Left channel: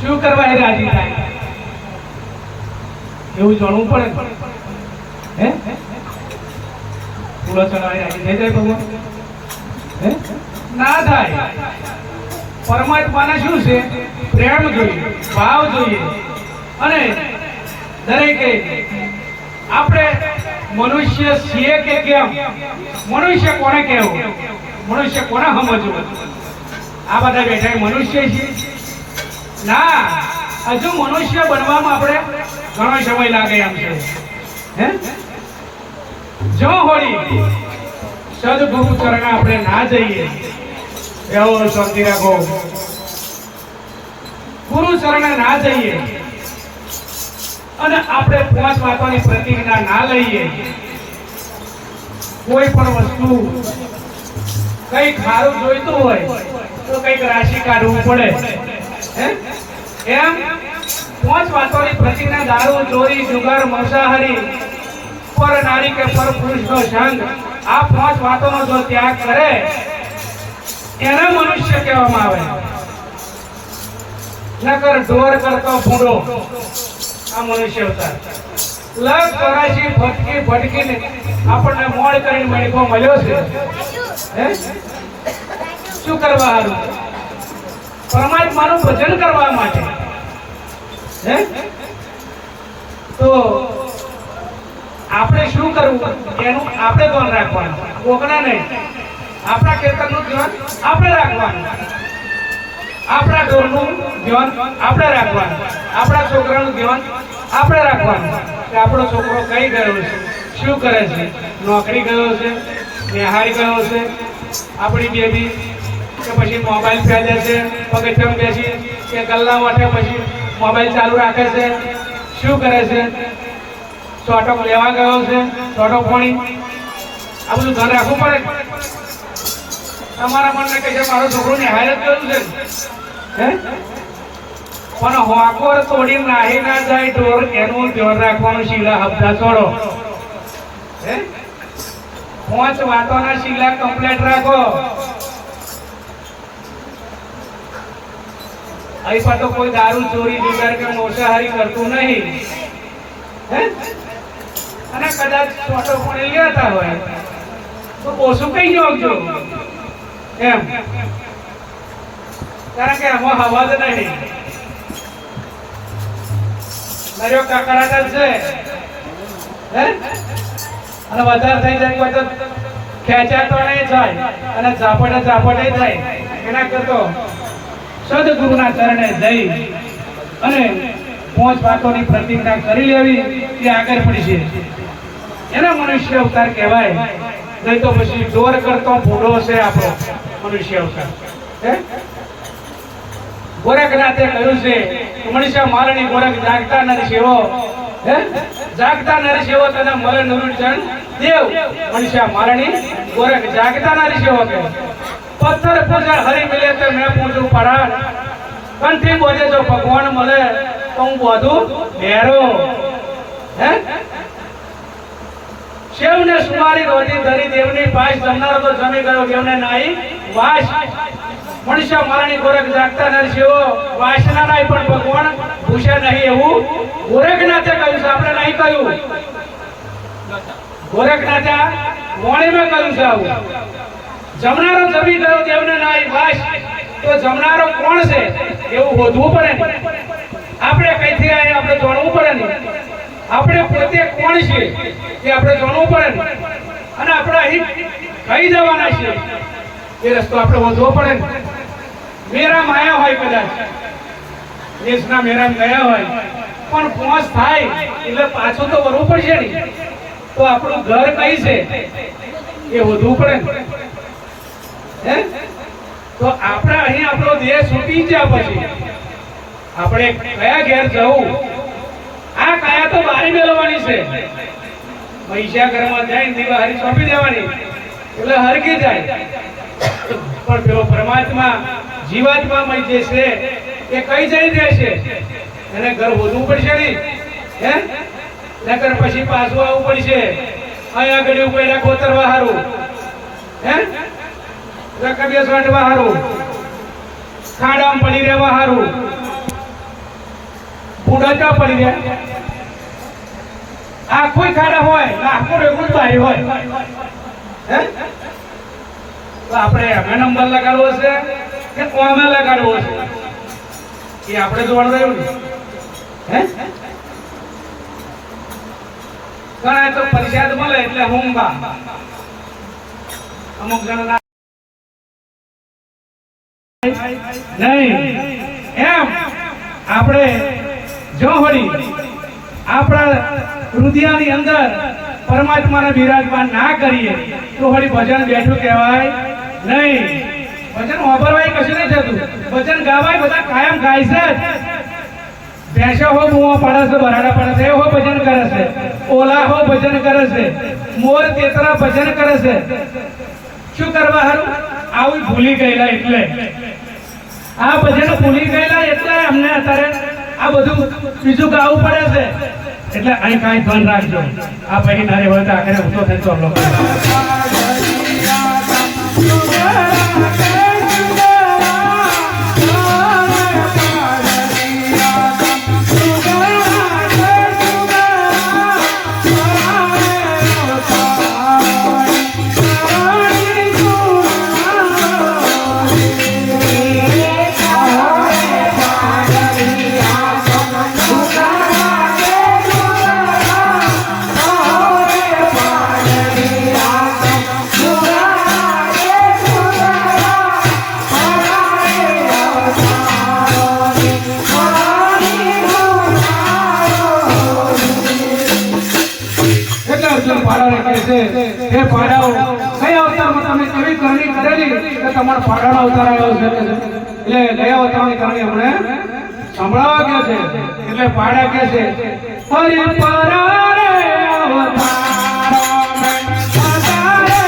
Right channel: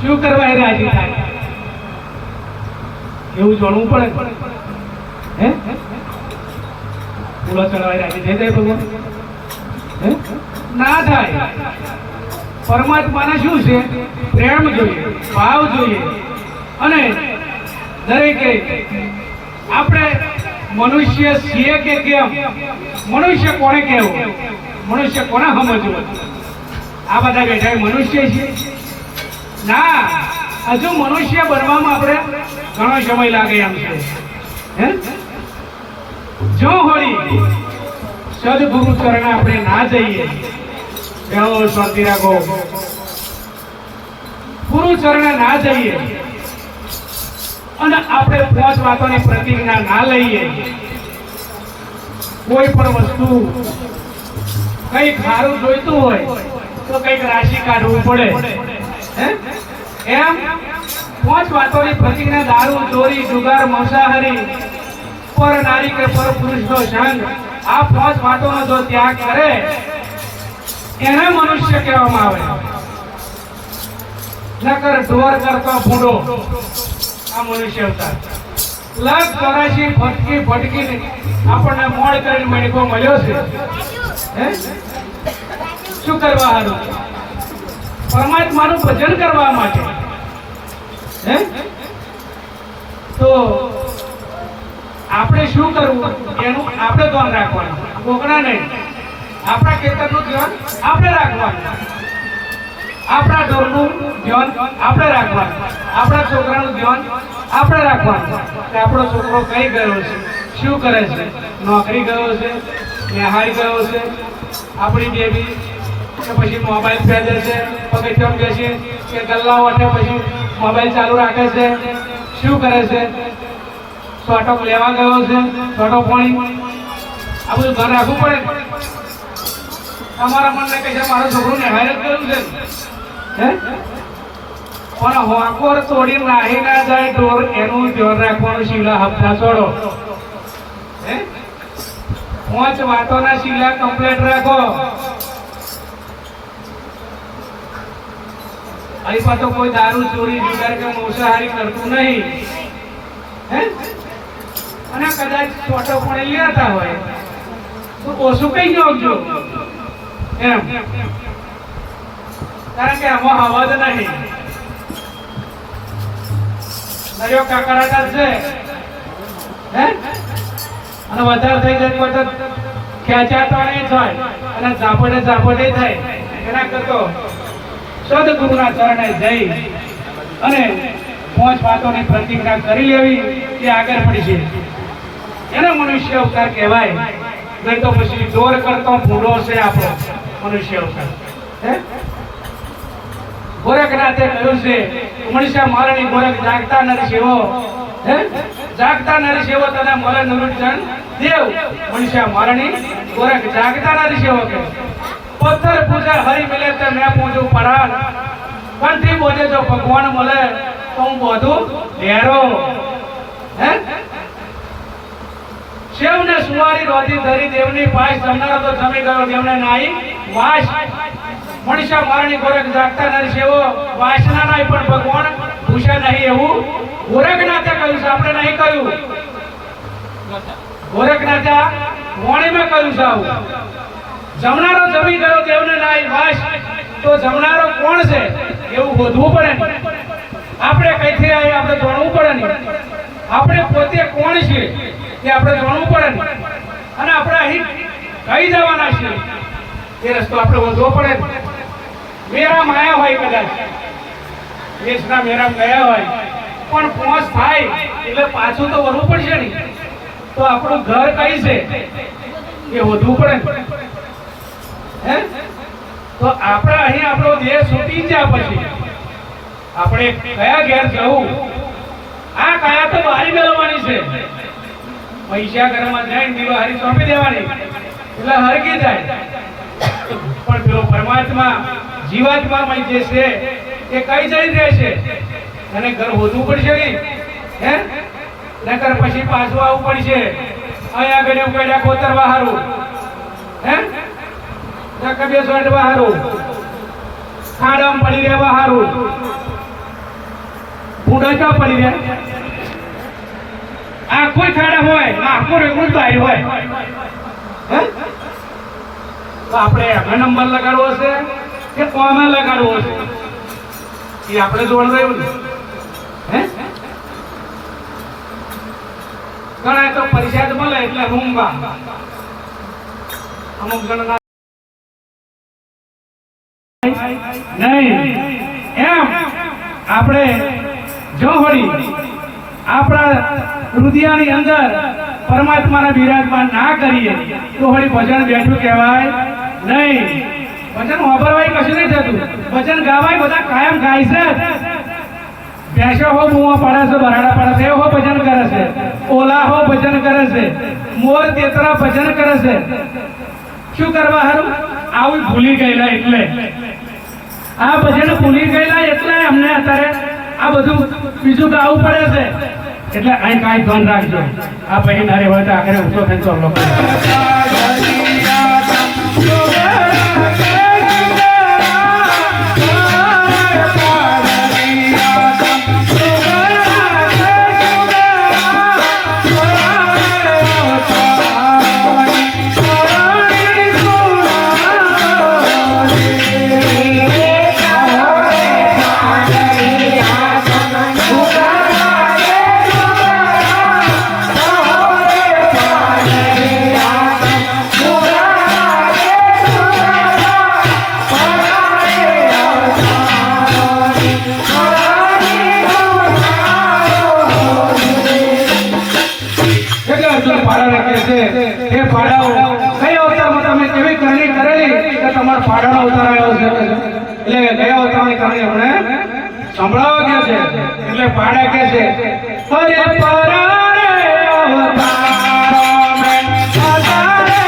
શું કરવા એ રાજી થાય એવું જાણવું પડે હે પૂરો ચલાવે રાજી થઈ જાય ભગવાન હે ના થાય પરમાત્માને શું છે પ્રેમ જોઈએ ભાવ જોઈએ અને દરેકે આપણે મનુષ્ય છીએ કે કેમ મનુષ્ય કોને કહેવું મનુષ્ય કોને સમજવું આ બધા બેઠા મનુષ્ય છે ના હજુ મનુષ્ય બનવામાં આપણે ઘણો સમય લાગે એમ છે હે જો હોળી સદગુરુ ચરણ આપણે ના જઈએ એવો શાંતિ રાખો ગુરુ ચરણે ના જઈએ અને આપણે 5 વાતોની પ્રતિજ્ઞા ના લઈએ કોઈ પણ વસ્તુ કઈક સારું જોઈતું હોય તો કઈક રાશિ કાઢવું પડે એમ 5 વાતોની પ્રતિજ્ઞા દારૂ ચોરી જુગાર માંસાહારી પર નારી કે પર પુરુષનો સંગ આ 5 વાતોનો જો ત્યાગ કરે એને મનુષ્ય કહેવામાં આવે નકર ઢોર કરતો ભૂંડો આ મનુષ્ય અવતાર લગ કરાશી ફટકી ફટકીને આપણને મોડ કરીને મણકો મળ્યો છે હે શું કરવા હારું પરમાત્માનું ભજન કરવા માટે હે તો આપણે શું કરવું એનું આપણે ધ્યાન રાખવાનું કોકના નહીં આપણા ખેતરનું ધ્યાન આપણે રાખવાનું આપણા ઢોરનું ધ્યાન આપણે રાખવાનું આપણા છોકરાનું ધ્યાન આપણે રાખવાનું કે આપણો છોકરો કઈ ગયો છે શું કરે છે નોકરી ગયો છે નિહાળી ગયો છે આપણી બેબી કે પછી મોબાઈલ ફેદે છે પગથિયે બેસી કે ગલ્લા વાટે પછી મોબાઈલ ચાલુ રાખે છે શું કરે છે છોટો લેવા ગયો છે છોટો પાણી આ બધું ધ્યાન રાખવું પડે તમારા મનને કહે છે મારો છોકરો નિહાળ જ ગયું છે હે પણ હોકોર તોડી નાહી ના જાય ઢોર એનું ધ્યાન રાખવાનું શીલા હપ્તા છોડો હે 5 વાતોના શીલા કમ્પ્લીટ રાખો અહીં પાછો કોઈ દારૂ ચોરી જુગાર કે મોસાહારી કરતું નહીં હે અને કદાચ છોટો પણ લેતા હોય તો ઓછું કઈ જોજો એમ કારણ કે એમાં હવા જ નહીં દરિયો કાકરાટા છે હે અને વધારે થઈ જાય પછી ખેંચાટોણે જાય અને ઝાપટે થાય એના કરતો સદગુરુના ચરણે જઈ અને 5 વાતોની પ્રતિજ્ઞા કરી લેવી એ આગળ પડી છે એને મનુષ્ય અવતાર કહેવાય નહીં તો પછી ઢોર કરતો ભૂંડો છે આપણો મનુષ્ય અવતાર હે ગોરખનાથે કહ્યું છે મનીષા મારણી ગોરખ જાગતા નર શિવો હે જાગતા નર શિવો તને મરે નરુચન દેવ મનીષા મારણી ગોરખ જાગતા નર શિવો કે પથ્થર પૂજા હરી મિલે તો મેં પૂછું પરાણ કંઠી બોલે જો ભગવાન મળે તો હું બધું ઢેરો હે શિવને સુમારી રોધી ધરી દેવની પાસ જમનારો તો જમી ગયો દેવને નાઈ વાસ મનીષા મારણી ગોરખ જાગતા નર શિવો વાસના નહીં પણ ભગવાન ભૂષે નહીં એવું ગોરખનાથે કહ્યું છે આપણે નહીં કહ્યું ગોરખનાથે વાણીમાં કહ્યું છે આવું જમનારો જમી ગયો દેવને નાઈ વાસ તો જમનારો કોણ છે એવું શોધવું પડે ને આપણે કઈથી આવીએ આપણે જાણવું પડે ને આપણે પોતે કોણ છે એ આપણે જાણવું પડે ને અને આપણે અહીં કઈ જવાના છીએ એ રસ્તો આપણે શોધવો પડે ને મેરા માયા હોય કદાચ દેશના મેરામ ગયા હોય પણ પહોંચ થાય એટલે પાછું તો વળવું પડશે ને તો આપણું ઘર કઈ છે એ શોધવું પડે હે તો આપણે અહીં આપણો દેહ છૂટી જાય પછી આપણે કયા ઘેર જવું આ કાયા તો બારી મેળવવાની છે પૈસા ઘરમાં જાય દીવા હરી સોંપી દેવાની એટલે હરકી જાય પણ પેલો પરમાત્મા જીવાત્મા જે છે એ કઈ જઈ રહેશે એને ઘર શોધવું પડશે ને હે નકર પછી પાછું આવવું પડશે અહીંયા આગળ ઉકેડા કોતરવા હારું હે રકબિયા સાંડવા હારું ખાડામાં પડી રહેવા હારું ફૂડા ચા પડી રહ્યા આખો ખાડા હોય આખો રેગુલ બારી હોય હે તો આપણે એમાં નંબર લગાડવો છે કે કોમાં લગાડવો છે એ આપણે જોવાનું રહ્યું ને હે ઘણા તો પરિષદ મળે એટલે રૂંબા અમુક જણા નહીં એમ આપણે જો હોળી આપણા હૃદયની અંદર પરમાત્માને બિરાજમાન ના કરીએ તો હોળી ભજન બેઠું કહેવાય નહીં. ભજન વાપરવાય કશું નહીં થતું, ભજન ગાવાય બધા કાયમ ગાય છે. ભેંસો હો બુઓ પડે છે, બરાડા પડે છે, હો ભજન કરે છે. ઓલા હો ભજન કરે છે, મોર તેતરા ભજન કરે છે. શું કરવા હારું? આવું ભૂલી ગયેલા એટલે આ ભજન ભૂલી ગયેલા એટલે અમને અત્યારે આ બધું બીજું ગાવું પડે છે. એટલે અહીં કાંઈ બંધ રાખજો. આ પછી નારે હોય તો આખરે ઊંચો થઈને ચોપલો પાડાનો અવતાર આવ્યો છે એટલે ગયા અવતારની કહાની આપણે સંભળાવવા ગયા છે. એટલે પાડા કે છે હરે પરારે અવતાર મે સદારે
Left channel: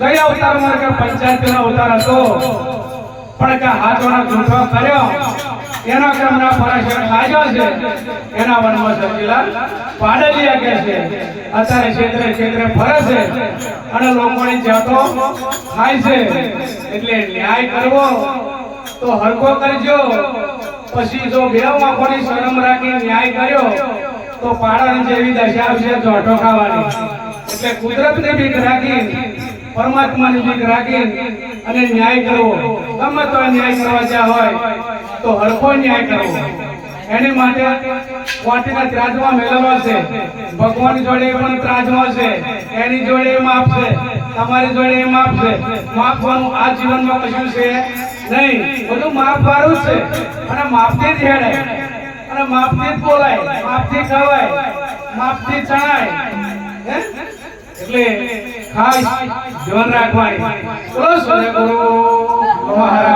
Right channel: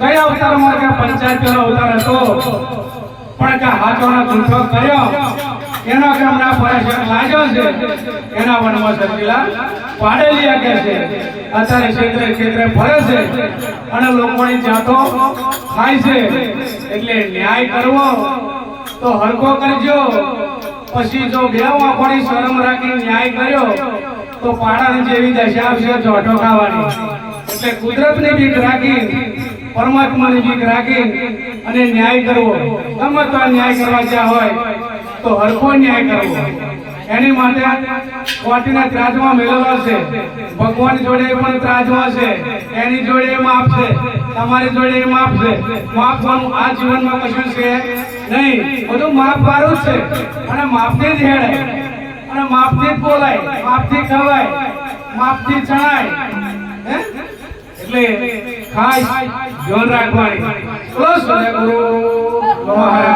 ગયા અવતારમાં કે પંચાયતનો અવતાર હતો પણ કે હાથોના ગુંઠો કર્યો એના ક્રમના પરાશર લાગ્યો છે એના વનમાં સચીલા પાડેલિયા કે છે. અત્યારે ક્ષેત્રે ક્ષેત્રે ફરે છે અને લોકોની જાતો થાય છે. એટલે ન્યાય કરવો તો હલકો કરજો. પછી જો બે આંખોની શરમ રાખી ન્યાય કર્યો તો પાડાની જેવી દશા આવશે જોઠો ખાવાની. એટલે કુદરતને બીક રાખી પરમાત્માની બીક રાખી અને ન્યાય કરવો. ગમે તો ન્યાય કરવા જ્યાં હોય તો હલકો ન્યાય કરવો. એની માટે કોટીના ત્રાજમાં મેળવવા છે. ભગવાન જોડે પણ ત્રાજમાં છે, એની જોડે માપ છે, તમારી જોડે માપ છે. માપવાનું આ જીવનમાં કશું છે નહીં, બધું માપ વાળું જ છે. અને માપથી જ હેડે અને માપથી જ બોલાય, માપથી ખવાય, માપથી ચણાય. એટલે ખાસ ધ્યાન રાખવાની. બોલો સદગુરુ મહારાજ.